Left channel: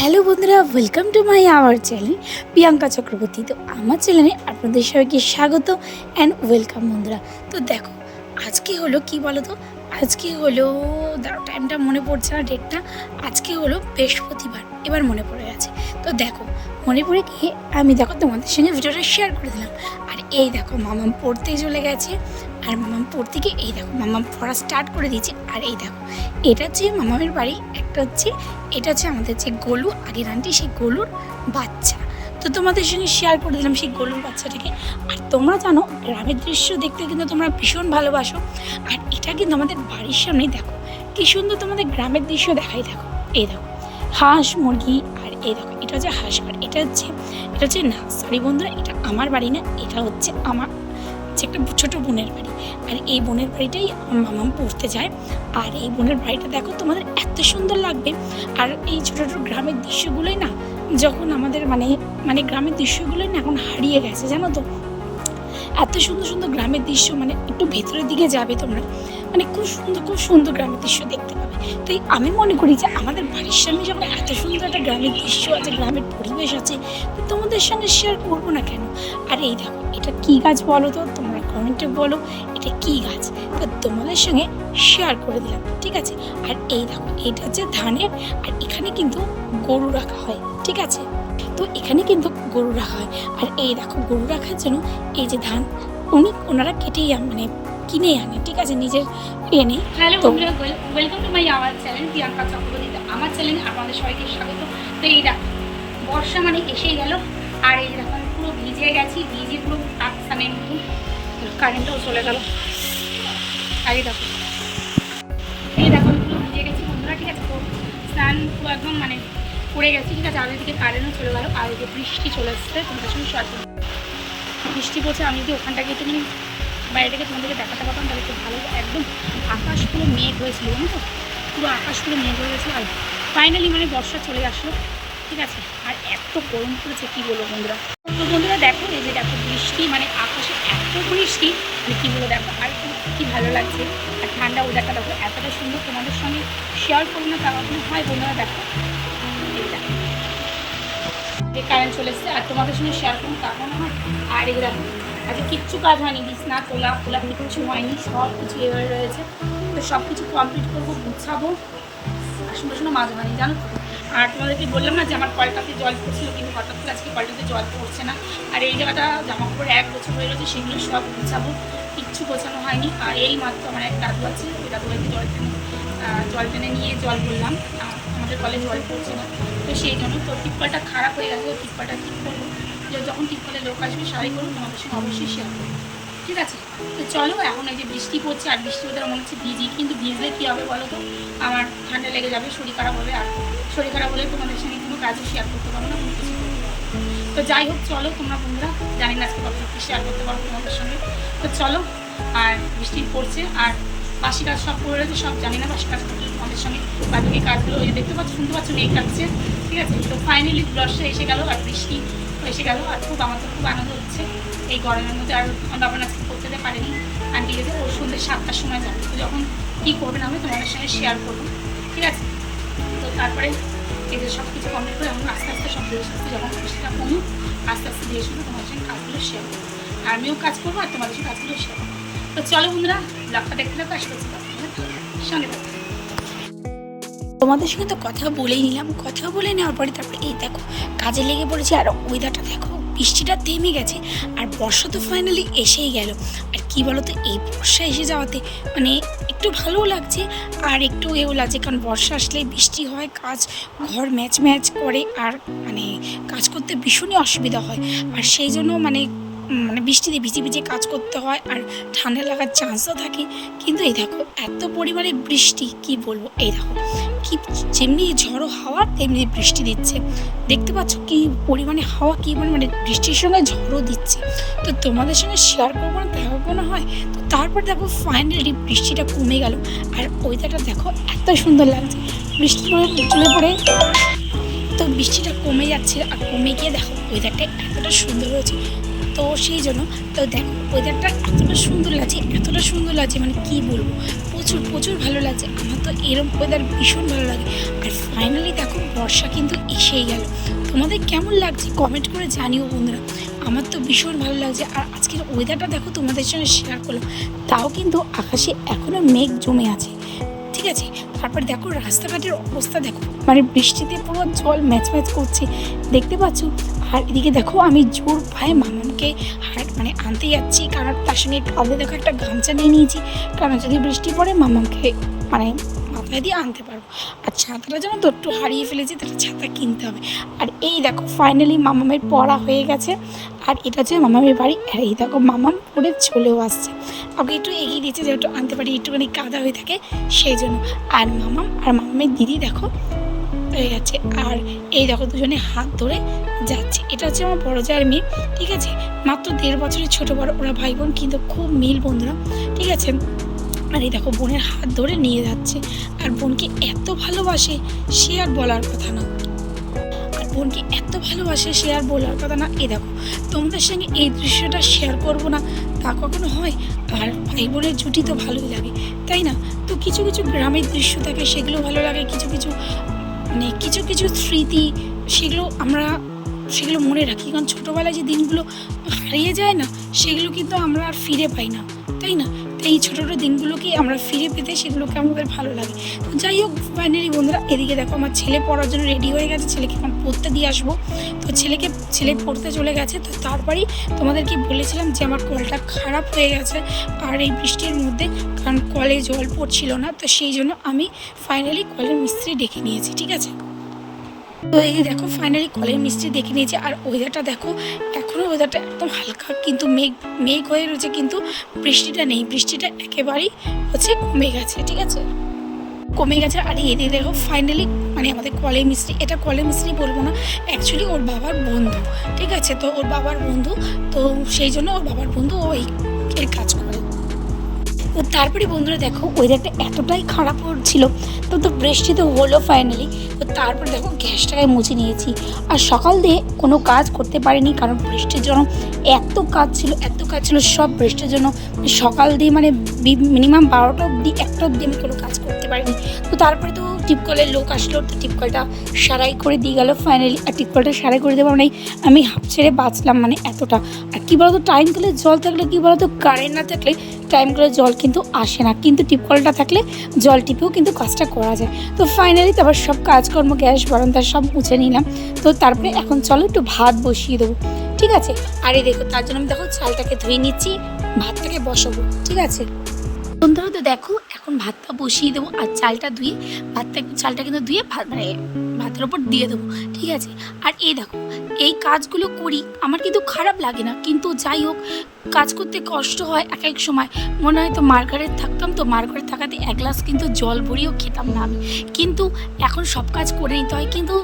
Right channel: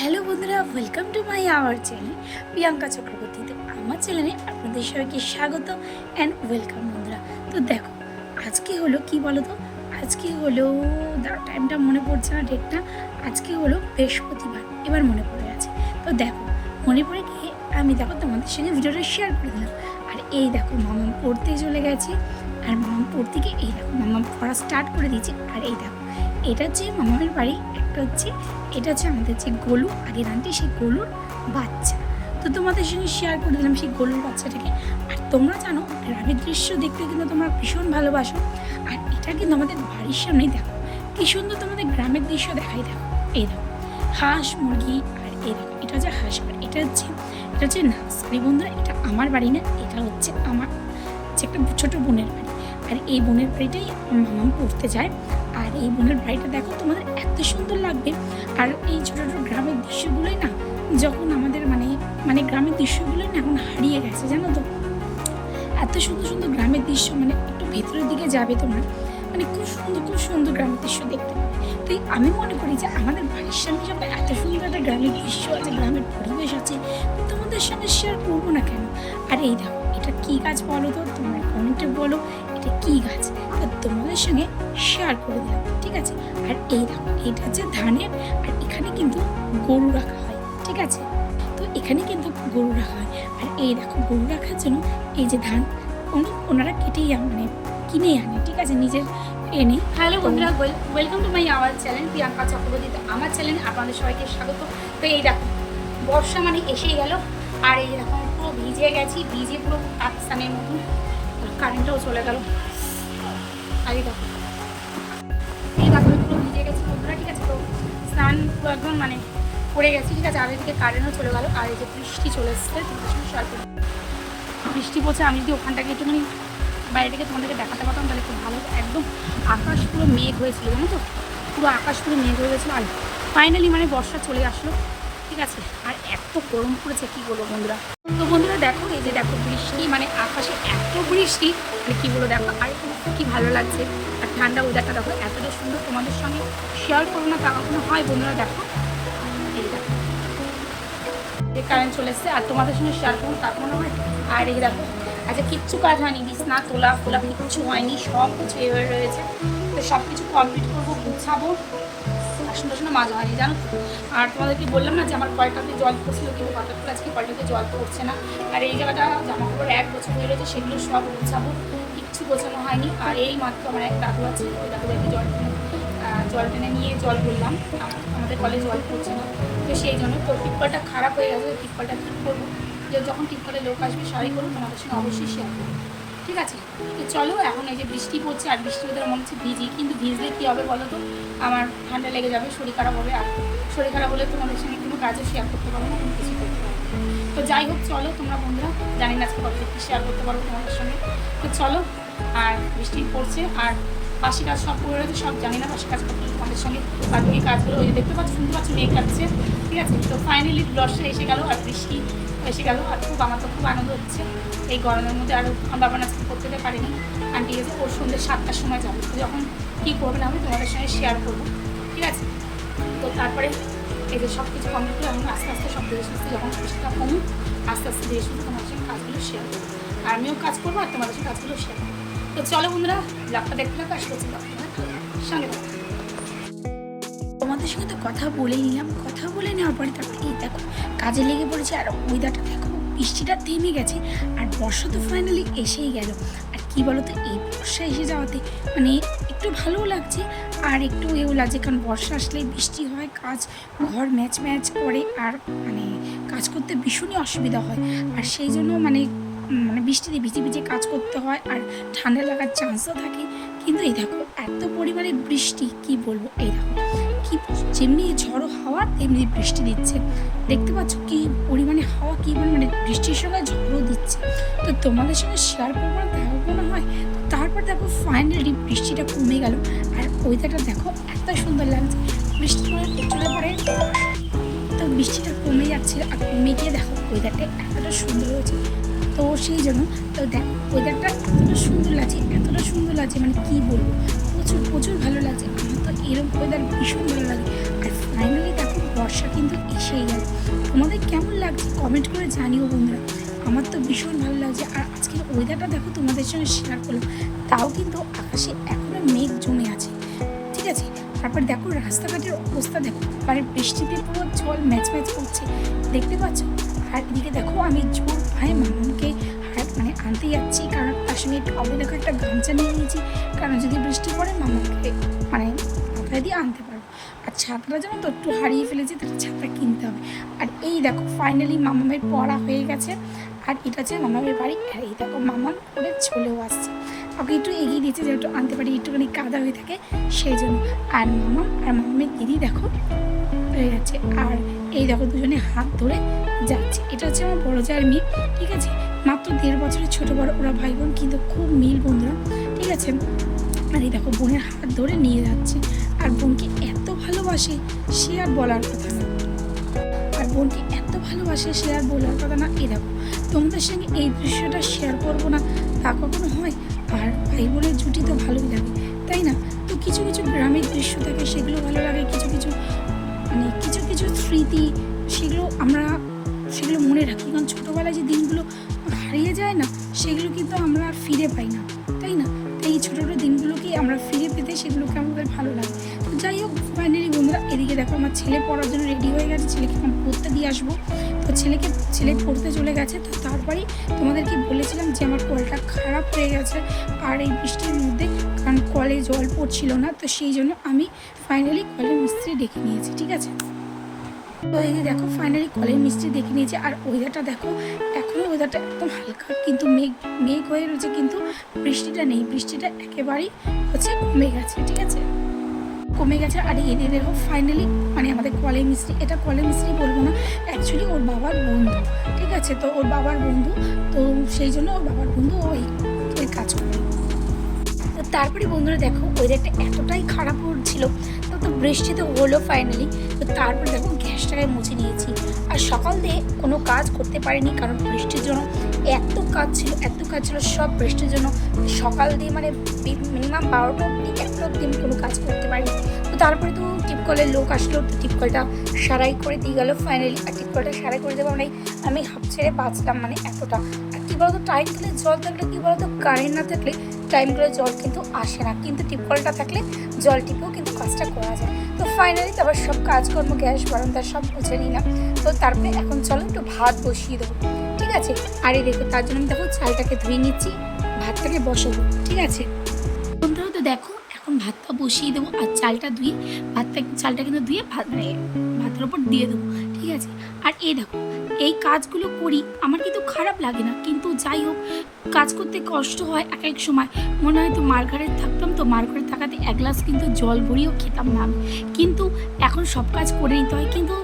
Hello বন্ধুরা welcome to my our channel Priyanka Chakraborty. তো আমার চ্যানেলে আপনাদের সবাইকে স্বাগত অ্যান্ড ওয়েলকাম বন্ধুরা। তো দেখো, আজকে হলো কি বলো তো আজকে হলো টাইমটা মনে পড়ছে না ডেটটা আজকে হলো বৃহস্পতিবার, এবার মনে পড়ে গেছে। তো দেখো, মনে পড়ে গিয়ে আমি দেখো তোমাদের সঙ্গে ভিডিওটা শেয়ার করে দিলাম। আর এই দেখো, মামাম পড়তে চলে গেছে। আর মামাম পড়তে গিয়ে এই দেখো, মামাম পড়া স্টার্ট করে দিয়েছে। আর এই দেখো, এটা হচ্ছে মামামের বাড়ি, একটা হচ্ছে, এটা হচ্ছে আমাদের যে গোলু, আগের আন্টি সেই গোলুর বাচ্চা। তো তোমাদের সঙ্গে শেয়ার করে দিলাম সেই গোলুর বাচ্চাটাকে। আর তোমরা জানো, গ্রামের দৃশ্য দেখতে কিন্তু তোমরা ভীষণ ভালোবাসো। আর এটা কিন্তু আমাদের বাড়ির সামনেই দেখো, কি সুন্দর তোমাদের গ্রামের দৃশ্য দেখাই দেখো। এই দেখো, হাঁস, মুরগি, আর এই দেখো, এটা হচ্ছে হাঁস, আর এটা হচ্ছে এটা হচ্ছে না সরি বন্ধুরা, এটা আমার বাড়ি না, এটা হচ্ছে আমার হচ্ছে একটা ছোট বোনের বাড়ি। আর এই বোনের বাড়িটাই আমার মামাম পড়তে যায়। আর এই বোনের বাড়িটা দেখো, তোমাদের এত সুন্দর লাগবে। আর এই ছোটো ছোটো গ্রামের দৃশ্যগুলোই না, যখন আমাদের মানে মানে গ্রামের দৃশ্যগুলোই না এখন হারিয়ে গেছে, জানো তো? এত সুন্দর সুন্দর গ্রামের দৃশ্য মানে একটু ভেতরের দিকে যাবে তোমরা। মানে খুব সুন্দর খুব সুন্দর গ্রামের দৃশ্য দেখতে পাবে। তাই আমি মনে করি যে আমাদের বাড়ির সামনে যখন এত সুন্দর একটা গ্রামের দৃশ্য আছে, গ্রামের পরিবেশ আছে তোমাদের সঙ্গে শেয়ার করব না কেন? আর এই দেখো এটা কি গাছ বলো তো? তোমরা কমেন্টে বলো এটা কি গাছ? তো তোমাদের সঙ্গে শেয়ার করে দিলাম ঠিক আছে? আর এই দেখো এটা হচ্ছে ধানের আর এখানে কিন্তু গরু রাখা হয় ঠিক আছে? তো এখানে কিন্তু গরু রাখা হয়। আর এই দেখো গরু রাখার জন্য এই যে ধান উনি ওনারা কেটেই আন- মানে কিনে আনে ঠিক আছে? নিজের এনে হ্যালো বন্ধুরা welcome to my our channel Priyanka Chakraborty. আমার চ্যানেলে আপনাদের সবাইকে স্বাগত। তো এই দেখো বর্ষা মানে এসেই গেল। আর এই দেখো পুরো ভিজে গেছি, ভিজে পুরো পাকিস্তানের মতন কারেন্টও চলে গেল। আর এই দেখো এই দেখো, আমি পুরো ভিজে গেছি বন্ধুরা, ঠিক আছে? তো স্নান পুরো একদম মানে পড়ে গেছি, ঠিক আছে? আর এদিকে কারেন্টও চলে গেল, আর এই যে বৃষ্টি চলে এসছে, তোমাদের সঙ্গে শেয়ার করি বৃষ্টি পড়ছে, আমি যদি ওখানটাকে একটুখানি বাইরেটাকে তোমাদেরকে দেখাতে পারতাম, তাহলে খুব ভালো একদম আকাশ পুরো মেঘ হয়েছিল, জানো তো? পুরো আকাশ পুরো মেঘ হয়ে গেছিল। আর ফাইনালি মানে বর্ষা চলে আসলো। ঠিক আছে, আর এত গরম পড়েছে, কি বলব বন্ধুরা? তো বন্ধুরা দেখো, এই যে দেখো বৃষ্টি মানে আকাশে এত বৃষ্টি মানে কি বলো দেখো, আর কি ভালো লাগছে। আর ঠান্ডা ওয়েদারটা দেখো, এতটা সুন্দর তোমাদের সঙ্গে শেয়ার করব না তা কখনো হয় বন্ধুরা দেখো। এই দেখো কারেন্ট চলে এসছে, আর তোমাদের সঙ্গে শেয়ার করুন তা কোনো হয়। আর এই দেখো আচ্ছা কিচ্ছু কাজ হয়নি, বিছনা, তোলা, ফোলা কিছু হয়নি সব কিছু এভাবে রয়েছে। তো সব কিছু কমপ্লিট করব, গুছাবো। আসুন টাসুন মাঝ হয়নি জানো তো? আর তোমাদেরকে বললাম না যে আমার কলটাতে জল পড়ছিল, কিন্তু হঠাৎ করে আজকে কলটাতে জল পড়ছে না। আর এই জায়গাটা জামা কাপড় এক বছর হয়ে রয়েছে সেগুলো সব গুছাবো, কিচ্ছু গোছানো হয়নি। আর এই মাত্র আমার এক দাদু আছে, ওই দাদু বাড়িতে জল টেনে জল টেনে নিয়ে জল বললাম আমাদের কলে জল পড়ছে না। তো সেই জন্য তো টিপকলটা খারাপ হয়ে গেছে টিপকলটা ঠিক করব। যখন টিপকলে লোক আসবে সারাই করব তোমাদের সঙ্গে অবশ্যই শেয়ার করব। ঠিক আছে? তো চলো, এখন এই যে বৃষ্টি পড়ছে, আর বৃষ্টি হতে মনে হচ্ছে ভিজি। কিন্তু ভিজলে কী হবে বলো তো? আমার ঠান্ডা লেগে যাবে, শরীর খারাপ হবে, আর শরীর খারাপ হলে তোমাদের সঙ্গে কোনো কাজও শেয়ার করতে পারব না, কোনো কিছু করতে পারব তো যাই হোক, চলো তোমরা বন্ধুরা, জানি না আজকে কতটুকু শেয়ার করতে পারব তোমাদের সঙ্গে। তো চলো, আর বৃষ্টি পড়ছে, আর বাসি কাজ সব করে রয়েছে, সব জানি না বাসি কাজ করতে তোমাদের সঙ্গে। বাকি কাজগুলো ওই যে দেখতে পাচ্ছ, শুনতে পাচ্ছ, মেঘ কাটছে ঠিক আছে? তো ফাইনালি ব্লসটা এসে গেল, আর বৃষ্টি এসে গেল আর খুব আমার তো খুব আনন্দ হচ্ছে। এই গরমের মধ্যে আর আমার বাবা আজকে করতে পারেনি। আন্টি গেছে ওর সন্ধ্যে সাতটার সময় যাবে। তো যখন কী করবে না হবে তোমাদের সঙ্গে শেয়ার করব। ঠিক আছে? তো তারপরে এদের সব কিছু কমপ্লিট করে এখন আস্তে আস্তে সব ধীরে সুস্থে যখন বৃষ্টিটা কমুক আস্তে আস্তে ধীরে সুস্থে তোমাদের সঙ্গে কাজগুলো শেয়ার করব। আর আমিও কাজ করব আর তোমাদের সঙ্গে কাজগুলো শেয়ার করব। তো চলো বন্ধুরা ব্লগটা দেখতে থাকো আসবে সঙ্গে থাকো। তোমাদের সঙ্গে তো কথা বলেই নিলাম। কথা বলে নেওয়ার পরে তারপরে এই দেখো, কাজে লেগে পড়েছে আর ওয়েদারটা দেখো, বৃষ্টিটা থেমে গেছে আর বর্ষা তো ফাইনালি এসেই গেল। আর কি বলতো, এই বর্ষা এসে যাওয়াতে মানে একটু ভালোও লাগছে আর একটু এও লাগছে, কারণ বর্ষা আসলে বৃষ্টি হয়, কাজ, ঘর ম্যাচ ম্যাচ করে আর মানে কাজ করতে ভীষণই অসুবিধা হয়। আর সেই জন্য মানে মানে বৃষ্টিতে ভিজে ভিজে কাজ করতে হয় আর ঠান্ডা লাগার চান্সও থাকে। কিন্তু এই দেখো, এত পরিমাণে বৃষ্টি, কি বলব? এই দেখো কি যেমনি ঝড়ো হাওয়া, তেমনি বৃষ্টি দিচ্ছে। দেখতে পাচ্ছ কি পরিমাণে হাওয়া, কি পরিমাণে বৃষ্টির সঙ্গে ঝড়ও দিচ্ছে। তো তোমাদের সঙ্গে শেয়ার করব না, দেখো কোনো হয়? তো তারপর দেখো ফাইনালি বৃষ্টিটা কমে গেল। আর ওয়েদারটা দেখো এত সুন্দর লাগছে। বৃষ্টি পড়ে চলে পড়ে। তো বৃষ্টিটা কমে যাচ্ছে আর কমে গিয়ে দেখো ওয়েদারটা এতটা সুন্দর হয়েছে। তো সেই জন্য, তো দেখো ওয়েদারটা এতটা সুন্দর লাগছে, এতটা সুন্দর লাগছে মানে কি বলব? প্রচুর প্রচুর ভালো এরকম ওয়েদার ভীষণ ভালো লাগে। আর ফাইনালি দেখো, বর্ষা কিন্তু এসেই গেল। তোমাদের কেমন লাগছে? কমেন্ট করে জানিও বন্ধুরা। আমার তো ভীষণ ভালো লাগছে। আর আজকের ওয়েদারটা দেখো, তোমাদের সঙ্গে শেয়ার করলাম। তাও কিন্তু আকাশে এখনও মেঘ জমে আছে। ঠিক আছে? তারপর দেখো, রাস্তাঘাটের অবস্থা দেখো। মানে বৃষ্টিতে পুরো জল ম্যাচ ম্যাচ করছে। দেখতে পাচ্ছ? আর এদিকে দেখো, আমি জোর ভাই মামামকে হাট মানে আনতে যাচ্ছি। কারণ তার সঙ্গে কাঁধে দেখো একটা গামছা নিয়ে নিয়েছি। কারণ যদি বৃষ্টি পড়ে মামামকে মানে মাথায় দিয়ে আনতে পারব। আর ছাতাটা যেন তো একটু হারিয়ে ফেলেছি, তাহলে ছাতা কিনতে হবে। আর এই দেখো ফাইনালি মামামের পড়া হয়ে গেছে। আর এটা হচ্ছে মামামের বাড়ি, আর এই দেখো মামাম পড়ে চলেও আসছে। ওকে একটু এগিয়ে দিয়েছে যে একটু আনতে পারি, একটুখানি কাদা হয়ে থাকে, সেই জন্য। আর মামাম আর মামামের দিদি দেখো, হয়ে যাচ্ছে। আর এই দেখো দুজনে হাত ধরে যাচ্ছে। এটা হচ্ছে আমার বড় জায়ের মেয়ে, ঠিক আছে? মাত্র দেড় বছরের ছোটো বড়, ওরা ভাই বোন, কিন্তু খুব মিল বন্ধুরা, ঠিক আছে? আর এই দেখো বোনের হাত ধরে নিয়ে যাচ্ছে। আর বোনকে এত ভালোবাসে সে আর বলার কথা না। আর বোনকে এত ভালোবাসে সে আর বলার কথা না। এ দেখো, তোমাদের সঙ্গে এই দৃশ্যটা শেয়ার করব না, তা কখনো হয়? আর ভাই বোনের জুটি তো ভালোই লাগে, তাই না? তো কিছু কিছু গ্রামের দৃশ্য থাকে, সেগুলো ভালো লাগে, কিছু কিছু মানে কিছু কিছু স্মৃতি, সেগুলো আমরা, সেগুলো মনে রাখি। কারণ ছোটোবেলায় যে দিনগুলো হারিয়ে যায় না সেগুলো কিন্তু আমরা আর ফিরে পাই না। তাই না? এই ছোটো ছোটো দিনগুলোকেই আমরা ফিরে পেতে সেগুলোকে আমাদের ভালো লাগে। তো যাই হোক ফাইনালি বন্ধুরা, এদিকে দেখো আমার ছেলে পড়ার জন্য রেডি হয়ে গেছে। ছেলেকে আমি পড়তে দিয়ে আসব। তো ছেলেকে, ছেলে পড়তে চলে গেছে। তো তারপরেই তোমাদেরকে বলেছিলাম যে আমার কলটা খারাপ হয়ে গেছে আর এই বৃষ্টির মধ্যে কারণ কলে জল পড়ছিল না। তো সেই জন্য আমি ফাইনালি কলের মিস্ত্রি ডেকে নিয়েছি, ঠিক আছে? তো এই দেখো ফাইনালি কলের মিস্ত্রি দেখে নিয়েছে। আর ওয়েদারটা দেখো, এখনও ওয়েদারটা একদম হালকা, কিন্তু মেঘ মেঘ হয়ে রয়েছে, কিন্তু বৃষ্টিটা নেই। বৃষ্টিটা একেবারেই হচ্ছে কমে গেছে, ঠিক আছে? কমে গেছে, আর এদিকে দেখো ফাইনালি মানে আমাদের কলে মিস্ত্রি এটা কলে মিস্ত্রি বলব না অ্যাকচুয়ালি ওর বাবার বন্ধু, ঠিক আছে? তো ওর বাবার বন্ধু, তো সেই জন্য ওর বাবার বন্ধু ওই কাজ করে। তারপরে বন্ধুরা দেখো ওয়েদারটা এতটাই খারাপ হচ্ছিল তো তো বৃষ্টি তো হলো ফাইনালি তো তারপর দেখো গ্যাসটাকে মুছে নিয়েছি। আর সকাল দিয়ে কোনো কাজ করতে পারিনি, কারণ বৃষ্টির জন্য এত কাজ ছিল, এত কাজ ছিল, সব বৃষ্টির জন্য। সকাল দিয়ে মানে মিনিমাম বারোটা অবধি, একটা অবধি আমি কোনো কাজ করতে পারিনি। তো তারপরে তো টিপকলের লোক আসলো, টিপকলটা সারাই করে দিয়ে গেল ফাইনালি আর টিপকলটা সারাই করে দেওয়ার মানে আমি হাফ ছেড়ে বাঁচলাম মানে এতটা। আর কী বলতো টাইম থাকলে জল থাকলে কী বলতো কারেন্ট না থাকলে টাইম করে জল কিন্তু আসে না। কিন্তু টিপকলটা থাকলে জল টিপেও কিন্তু কাজটা করা যায়। তো ফাইনালি তারপর সব কাজকর্ম, গ্যাস, বারান্দা সব মুছে নিলাম। তো তারপরে এখন চলো একটু ভাত বসিয়ে দেবো। ঠিক আছে? আরে দেখো, তার জন্য আমি দেখো চালটাকে ধুয়ে নিচ্ছি, ভাতটাকে বসাবো। ঠিক আছে? বন্ধুরা তো দেখো, এখন ভাতটা বসিয়ে দেবো আর চালটা ধুয়ে, ভাতটা চালটা কিন্তু ধুয়ে ভাত মানে ভাতের ওপর দিয়ে দেবো, ঠিক আছে? আর এই দেখো, এই কাজগুলো করি, আমার কিন্তু খারাপ লাগে না, কিন্তু যাই হোক, কাজ করতে কষ্ট হয় এক এক সময়। মনে হয় তো মার্গারেট থাকতাম তো মার্গারেট থাকাতে এক গ্লাস কিন্তু জল ভরিয়েও খেতাম না আমি। কিন্তু এখন সব কাজ করে নিতে হয়, কিন্তু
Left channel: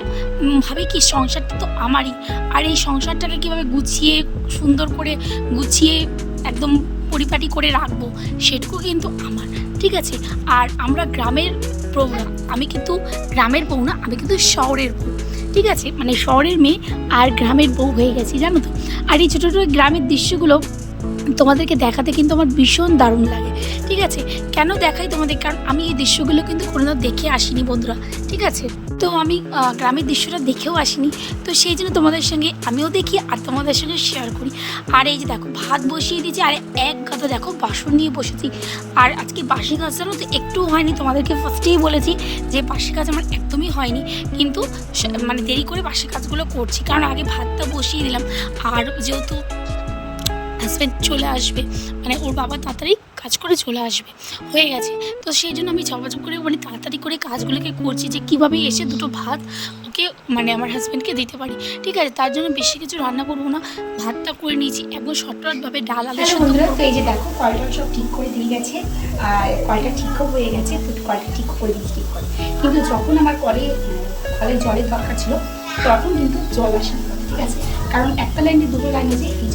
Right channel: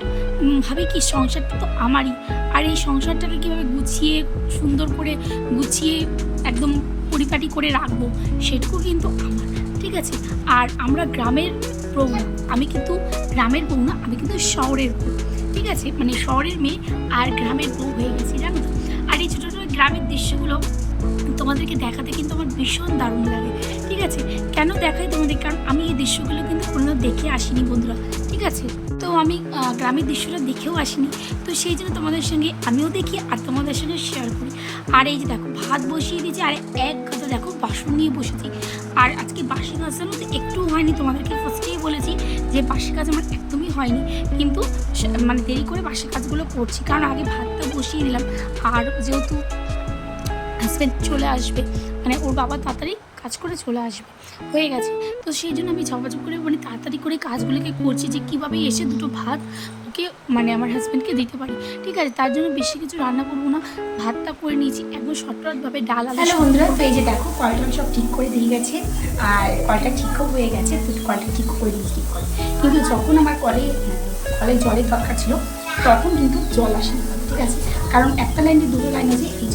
ভাবি কি, সংসারটা তো আমারই। আর এই সংসারটাকে কীভাবে গুছিয়ে, সুন্দর করে গুছিয়ে, একদম পরিপাটি করে রাখব, সেটুকু কিন্তু আমার। ঠিক আছে? আর আমরা গ্রামের বউ না, আমি কিন্তু গ্রামের বউ না, আমি কিন্তু শহরের বউ। ঠিক আছে? মানে শহরের মেয়ে আর গ্রামের বউ হয়ে গেছি, জানো তো? আর এই ছোটো ছোটো গ্রামের দৃশ্যগুলো তোমাদেরকে দেখাতে কিন্তু আমার ভীষণ দারুণ লাগে। ঠিক আছে? কেন দেখাই তোমাদের? কারণ আমি এই দৃশ্যগুলো কিন্তু কোনোদিনও দেখে আসিনি, বন্ধুরা। ঠিক আছে। তো আমি গ্রামের দৃশ্যটা দেখেও আসিনি। তো সেই জন্য তোমাদের সঙ্গে আমিও দেখি আর তোমাদের সঙ্গে শেয়ার করি। আর এই যে দেখো, ভাত বসিয়ে দিয়েছি আর এক গাদা দেখো বাসন নিয়ে বসেছি। আর আজকে বাসি কাজ জানো তো একটু হয়নি, তোমাদেরকে ফার্স্টেই বলেছি যে বাসি কাজ আমার একদমই হয়নি। কিন্তু মানে দেরি করে বাসি কাজগুলো করছি, কারণ আগে ভাতটা বসিয়ে দিলাম। আর যেহেতু হাজব্যান্ড চলে আসবে মানে ওর বাবা তাড়াতাড়ি কাজ করে চলে আসবে। হয়ে গেছে। তো সেই জন্য আমি ঝপাঝপ করে মানে তাড়াতাড়ি করে কাজগুলোকে করছি যে কীভাবে এসে দুটো ভাত ওকে মানে আমার হাজব্যান্ডকে দিতে পারি। ঠিক আছে? তার জন্য বেশি কিছু রান্না করব না। ভাতটা করে নিয়েছি। একদম শর্টকাটভাবে ডাল আলু বন্ধুরা তো এই যে দেখো কলটা সব ঠিক করে দিয়ে গেছে। আর কলটা ঠিকও হয়ে গেছে। তো কলটা ঠিক করে দিয়েছি ঠিক করে। কিন্তু যখন আমার কলে কলের জলের দরকার ছিল তখন কিন্তু জল আসেনি। ঠিক আছে? কারণ একটা লাইনে দুটো লাইন আছে এই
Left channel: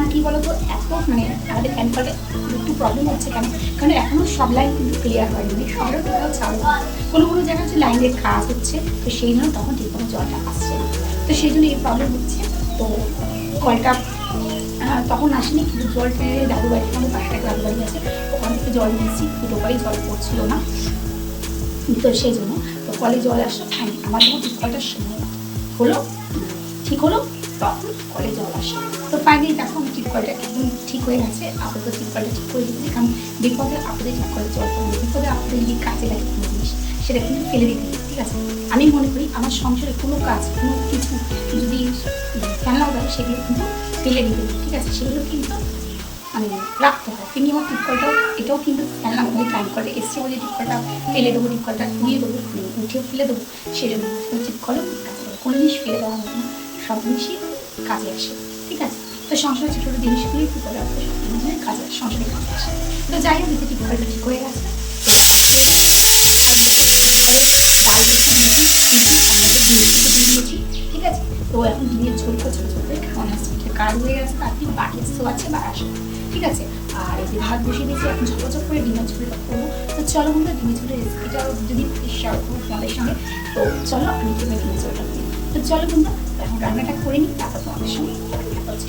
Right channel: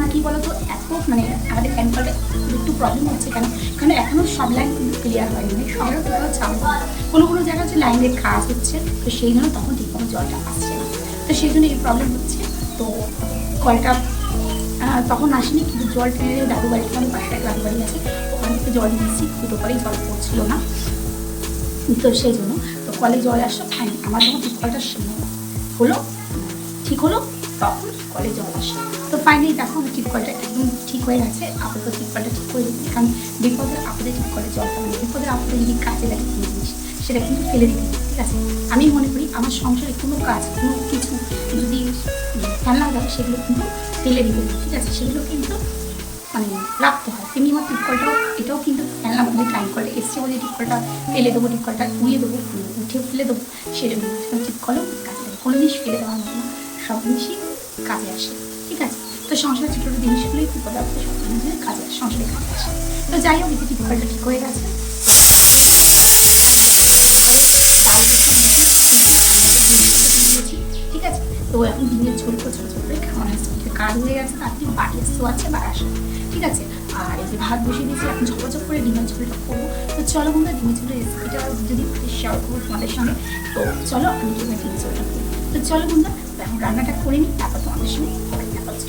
এখন কি বলতো, এত মানে আমাদের কলটা একটু প্রবলেম হচ্ছে কেন? কারণ এখনও সব লাইন কিন্তু ক্লিয়ার হয়নি। মানে সবারও ঠিকভাবে চাল কোনো কোনো জায়গায় হচ্ছে লাইনের কাজ হচ্ছে। তো সেই জন্য তখন ঠিকভাবে জলটা আসছে তো সেই জন্য এই প্রবলেম হচ্ছে। তো কলটা তখন আসেনি, কিন্তু জল টেনে দাদু বাড়ি আমাদের পাশে এক দাদু বাড়ি আছে, ওখান থেকে জল নিয়েছি, দুটো কলেই জল পড়ছিল না। তো সেই জন্য, তো কলে জল আসলো ফাইন আমার যখন কলটা হলো, ঠিক হলো, তখন কলে জল আসে তো ফাইনালি দেখো আমি টিপ কলটা একদম ঠিক হয়ে গেছে। আপাতত টিপ কলটা ঠিক হয়ে গেছে কারণ বিপদে আপদে টিপ কলে জলটা মানে বিপদে আপদে যদি কাজে লাগে কোনো জিনিস, সেটা কিন্তু ফেলে দিতে ঠিক আছে? আমি মনে করি আমার সংসারে কোনো কাজ, কোনো কিছু যদি ফেলা যায়, সেগুলো কিন্তু ফেলে দিতে ঠিক আছে? সেগুলো কিন্তু মানে রাখতে হয়। তেমনি আমার টিপকলটাও এটাও কিন্তু ফেললাম আমাদের টাইম কলটা এসছে বলে টিপকলটা ফেলে দেবো টিপকলটা উড়িয়ে দেবো উঠে ফেলে দেবো সেরকম টিপকলও কোনো জিনিস ফেলে দেওয়া হবে না। সব জিনিসই কাজে আসে, ঠিক আছে? তো সংসারের ছোটো ছোটো জিনিসগুলোই বিপদে আপদে সব জিনিসের কাজে আসে, সংসারে কাজে আসে। তো যাই হোক এতে টিপকলটা ঠিক হয়ে গেছে। ঠিক আছে? তো এখন ডিমের ঝোল করে ছোটো ছোটো করে খাওয়ানো আসছে এটা কাজ হয়ে গেছে তারপরে বাড়ি আসতেও আছে বা ঠিক আছে? আর এই যে ভাত বসিয়ে দিয়েছি, এখন ঝপঝপ করে ডিমের ঝোলটা করব। তো চলো বন্ধুরা, ডিমের ঝোলের রেসিপিটা যদি শেয়ার করব তোমাদের সঙ্গে। তো চলো, আমি কীভাবে ডিমের ঝোলটা তো চলো বন্ধুরা এখন রান্নাটা করে নিই তারপর তোমাদের সঙ্গে।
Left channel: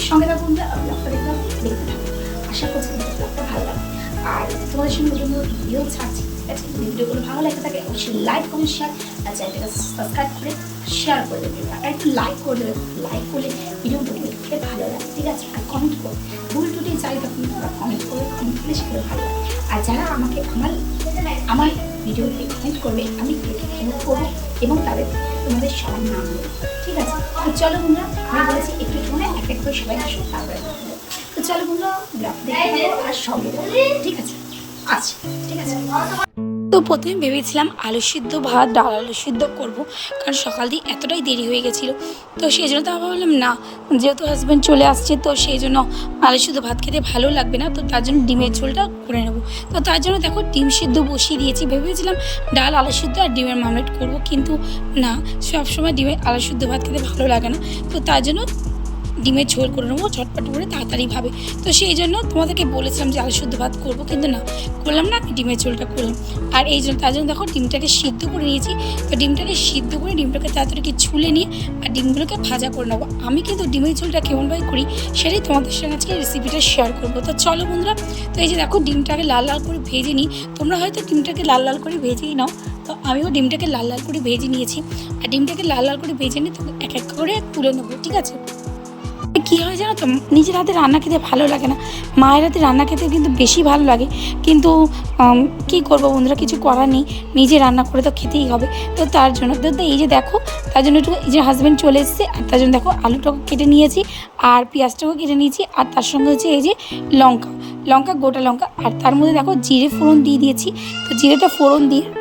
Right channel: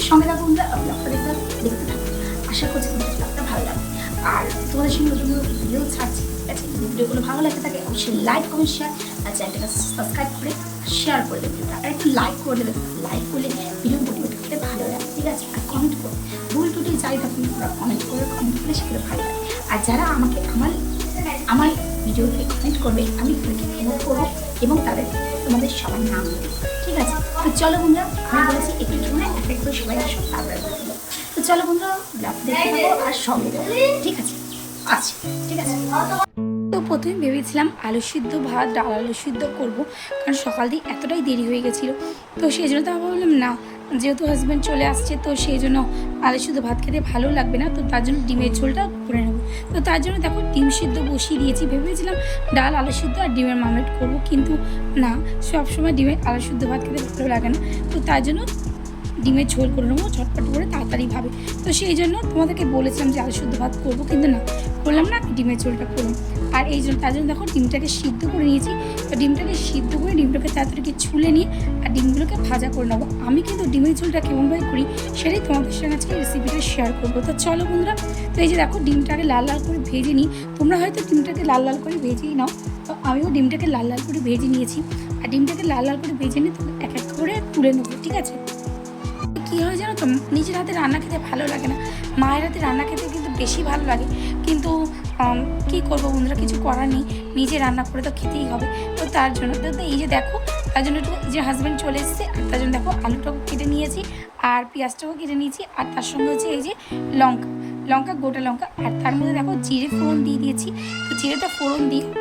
সঙ্গে থাকো বন্ধুরা দেখতে থাকো, দেখতে থাকো। আশা করছি তোমাদের ব্লগটা ভালো লাগবে। আর তোমাদের সঙ্গে নতুন নতুন ভিডিও ছাড়ছি ঠিক আছে যদি ভিডিওগুলো ভালো লাগে থাকে অবশ্যই লাইক কমেন্ট শেয়ার আর চ্যানেলটাকে সাবস্ক্রাইব করে শেয়ার করে দেবে। আর একটু লাইক করে দেবে। লাইক করলে ভিডিও মোটিভেট করতে ভালো লাগে ঠিক আছে? আর কমেন্ট করো। ভুল টুটি যাই থাকুন তোমরা কমেন্ট করে কমেন্ট করলে সেগুলো ভালো লাগে। আর যারা আমাকে আমার আমার ভিডিওতে কমেন্ট করবে, আমি সেটাকে প্রমোট করব এবং তাদের তোমাদের সবার নাম দেবো ঠিক আছে? তো চলো বন্ধুরা, আমি বলেছি একটু সময় এক এক করে সবাই আসো তারপরে তো চলো বন্ধুরা ব্লগ দেখতে থাকো আর সঙ্গে যাব ঠিক আছে? আচ্ছা ঠিক আছে। তো প্রথমে ভেবেছিলাম আলু সিদ্ধ ভাত, ডাল আলু সিদ্ধ করব, কারণ সকাল দিয়ে এতটাই দেরি হয়ে গেছিল। তো সেই জন্য তো আমি ভাবলাম, না, যেহেতু হাজব্যান্ড চলে আসছে, তো সেই জন্য আলু সিদ্ধ ভাত খেতে ভালো লাগবে না, তো তার জন্য ডিমের ঝোলটা করে নেব। তো তার জন্য দেখো, ডিম সিদ্ধ বসিয়ে দিয়েছি, ভেবেছিলাম ডাল, আলু সিদ্ধ আর ডিমের মামলেট করব, কিন্তু না, সবসময় ডিমের আলু সিদ্ধ ভাত খেতে ভালো লাগে না। তো তার জন্য ডিমের ঝোল করে নেব, ঝটপট করে তাড়াতাড়িভাবে তো সেই জন্য তোমাদেরকে বলেছিলাম যে আলু শুদ্ধ ভাত করব, কিন্তু না করলাম না ডিমের ঝোলটা করলাম আর এই জন্য তার জন্য দেখো ডিমটাকে সিদ্ধ করে নিয়েছি। তো ডিমটাকে সিদ্ধ করে ডিমটাকে তাড়াতাড়ি ছুলে নিয়ে আর ডিমগুলোকে ভাজা করে নেব। আমি কিন্তু ডিমের ঝোলটা কেমনভাবে করি সেটাই তোমাদের সঙ্গে আজকে রেসিপিটা শেয়ার করব। তো চলো বন্ধুরা, তো এই যে দেখো ডিমটাকে লাল লাল করে ভেজে নিই। তোমরা হয়তো ডিমটাকে লাল লাল করে ভেজেই নাও। তো আমিও ডিমটাকে লাল লাল করে ভেজে নিয়েছি। আর ডিমটাকে লাল লাল করে ভেজে নিয়ে এক এক করে তুলে নেব, ঠিক আছে? কী হয় জানো তো? নিজের হাতে রান্না খেতে ভালো লাগে না। মায়ের হাতে রান্না খেতে কিন্তু বেশি ভালো লাগে। কিন্তু কী করব বন্ধুরা? কিছু করার নেই। নিজে রান্না করে তো খেতেই হবে। তো তার জন্য, তো এই যে দেখো, তার জন্য একটু যে হাজব্যান্ড চলে এসেছে। আর তার জন্য দেখো আলুটাকে কেটে নিয়েছি। আর পেঁয়াজটাকেও কেটে নিয়েছি। আর তার সঙ্গে হচ্ছে এই যে লঙ্কা। লঙ্কা, গোটা লঙ্কা। আর তার মধ্যে দেখো জিরে ফোড়ন দিয়ে দিয়েছি। তো জিরেটা ফোড়ন দিয়ে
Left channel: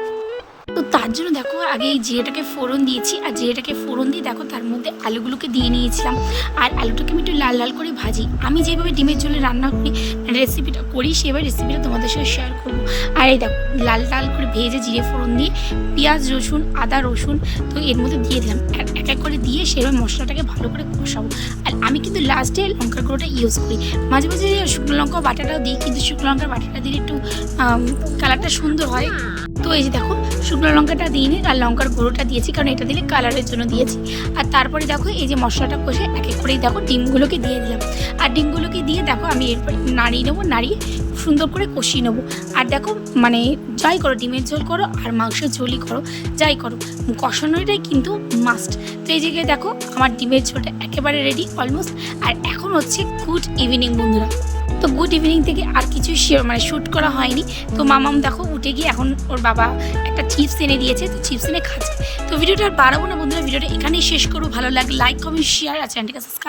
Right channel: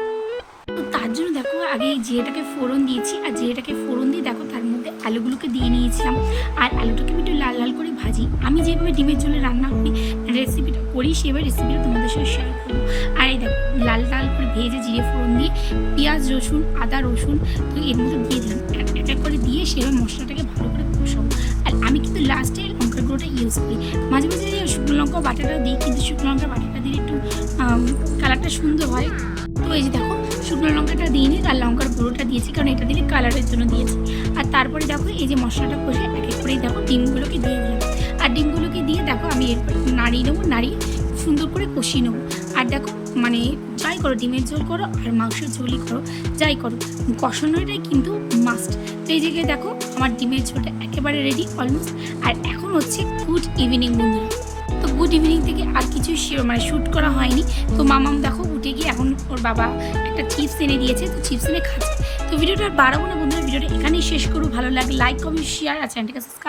তো তার জন্য দেখো আগে এই জিরেটাকে ফোড়ন দিয়েছি, আর জিরেটাকে ফোড়ন দিয়ে দেখো তার মধ্যে আলুগুলোকে দিয়ে নিয়েছিলাম। আর আলুটাকে আমি একটু লাল লাল করে ভাজি। আমি যেভাবে ডিমের ঝোলে রান্না করি রেসিপিটা করি, সেভাবে রেসিপিটা তোমাদের সাথে শেয়ার করব। আর এই দেখো, লাল লাল করে ভেজে জিরে ফোড়ন দিয়ে পেঁয়াজ, রসুন, আদা, রসুন, তো এর মধ্যে দিয়ে দিলাম। এক এক করে দিয়ে সেভাবে মশলাটাকে ভালো করে কষাবো। আর আমি কিন্তু লাস্টে লঙ্কার গুঁড়োটা ইউজ করি। মাঝে মাঝে শুকনো লঙ্কা বাটাটা দিই, কিন্তু শুকনো লঙ্কার বাটাটা দিলে একটু কালারটা সুন্দর হয়। তো এই যে দেখো শুকনো লঙ্কাটা দিইনি, আর লঙ্কার গুঁড়োটা দিয়েছি, কারণ এটা দিলে কালারের জন্য দিয়েছি। আর তারপরে দেখো, এই যে মশলাটা কষে এক এক করেই দেখো, ডিমগুলোকে দিয়ে দিলাম। আর ডিমগুলোকে দিয়ে দেখো, আমি এরপর নাড়িয়ে নেব, নাড়িয়ে সুন্দর করে কষিয়ে নেব। আর দেখো মানে যাই করো, ডিমের ঝোল করো, আর মাংসের ঝোলই করো, যাই করো কষানোটাই কিন্তু মাস্ট তো এই দেখো, আমার ডিমের ঝোলটা একেবারে রেডি অলমোস্ট আর এখন হচ্ছে গুড ইভিনিং বন্ধুরা। তো গুড ইভিনিং থেকে আর কিছু শেয়ার মানে শ্যুট করা হয়নি। তো মামাম দেখো, উঠে গিয়ে এখন ওর বাবা একটা চিপস এনে দিয়েছে, তো চিপস এনে খাচ্ছে। তো ভিডিওটা আর বাড়াবো না বন্ধুরা, ভিডিওটা এখানেই শেষ করব। ভালো লাগে লাইক কমেন্ট শেয়ার আর চ্যানেলটাকে সাবস্ক্রাইব